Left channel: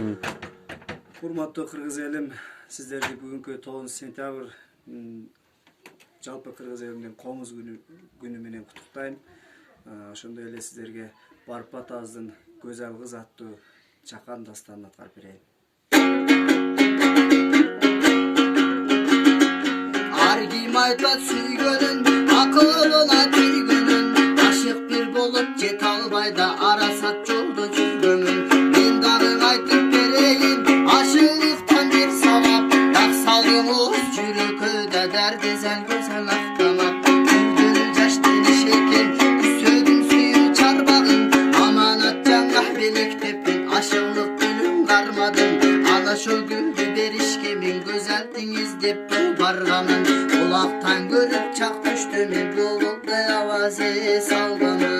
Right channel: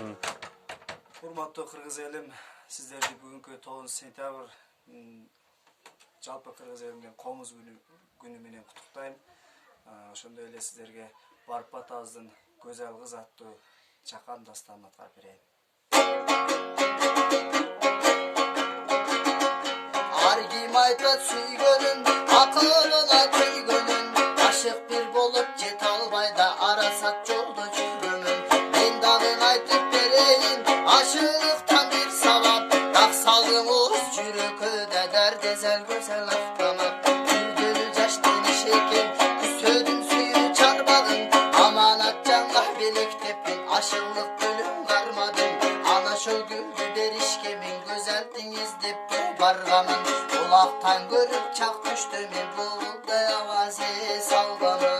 Урматтуу кыргыз элим, сиздерди бүгүнкү 9 сентябрь жалпы кыргыз элинин комуз күнү менен куттуктайм. Ошондой эле сиздерге Барып Атабыздын Көзөл кыз аттуу чакан дастанын аткарып берейин. Ар ким айтат сүйгөнүн, акылына тийгөнүн, ашык бир болуп жете албай да арасат жолдо жүргөнүн. Мен дагы айтып берейин, ашыктан бир сабап, так салыңыз жүрөккө дәрдезел көзөл актамак. Күлдөрү жаштын ишекен, сөдүн сүйүү чарбагын, аманат жаңга белектеппин, ашыгылык гүлүн кармадым. Ана ошол гүлдү беришке мен көзөлдүн издеп барганмын. Улактан көрүп чак түштү мен булундай аваз салганмын.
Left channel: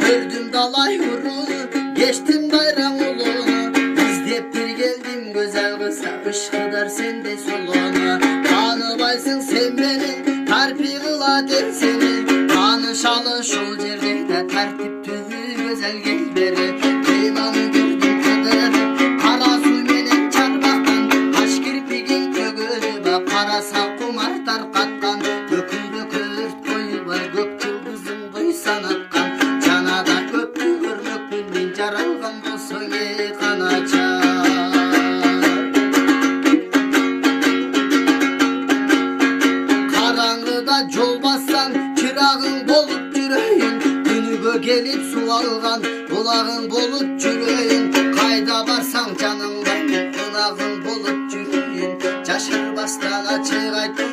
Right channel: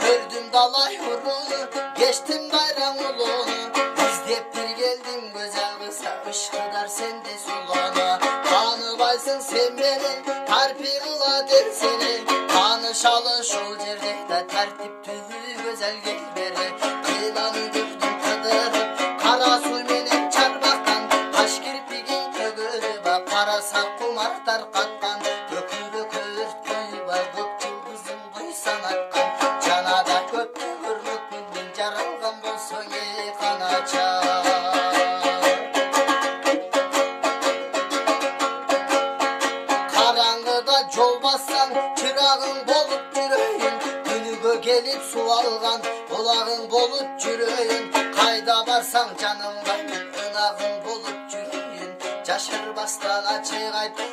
Көрдүм далай урууну, кечтим байраң улууну, издеп бир келдим көзөл кыз, ышкыдар сендей сулууну. Тааныбайсың сен менен, тарпи кылат эл сени, таанышалы ушул жерде да тартиптүү көзөл келбери. Мен аны көрдүм кыдырып, кара суу менен чарбактан, каш кирпигин көгөрүп, караса кумар таркаткан, көкүрөккө өрт койбой көк жылдызын буйсан аткан. Жанада көптү көрмөкмүн мен, жаралган болсоң канача. Караңгыда жол бассаң, чырагың болуп жүрөйүн, күнүгө келип суу алган булагың болуп жүрөйүн. Кайда барсаң жаныңда ынагың болуп жүрөйүн. Жашырбастан ачык айт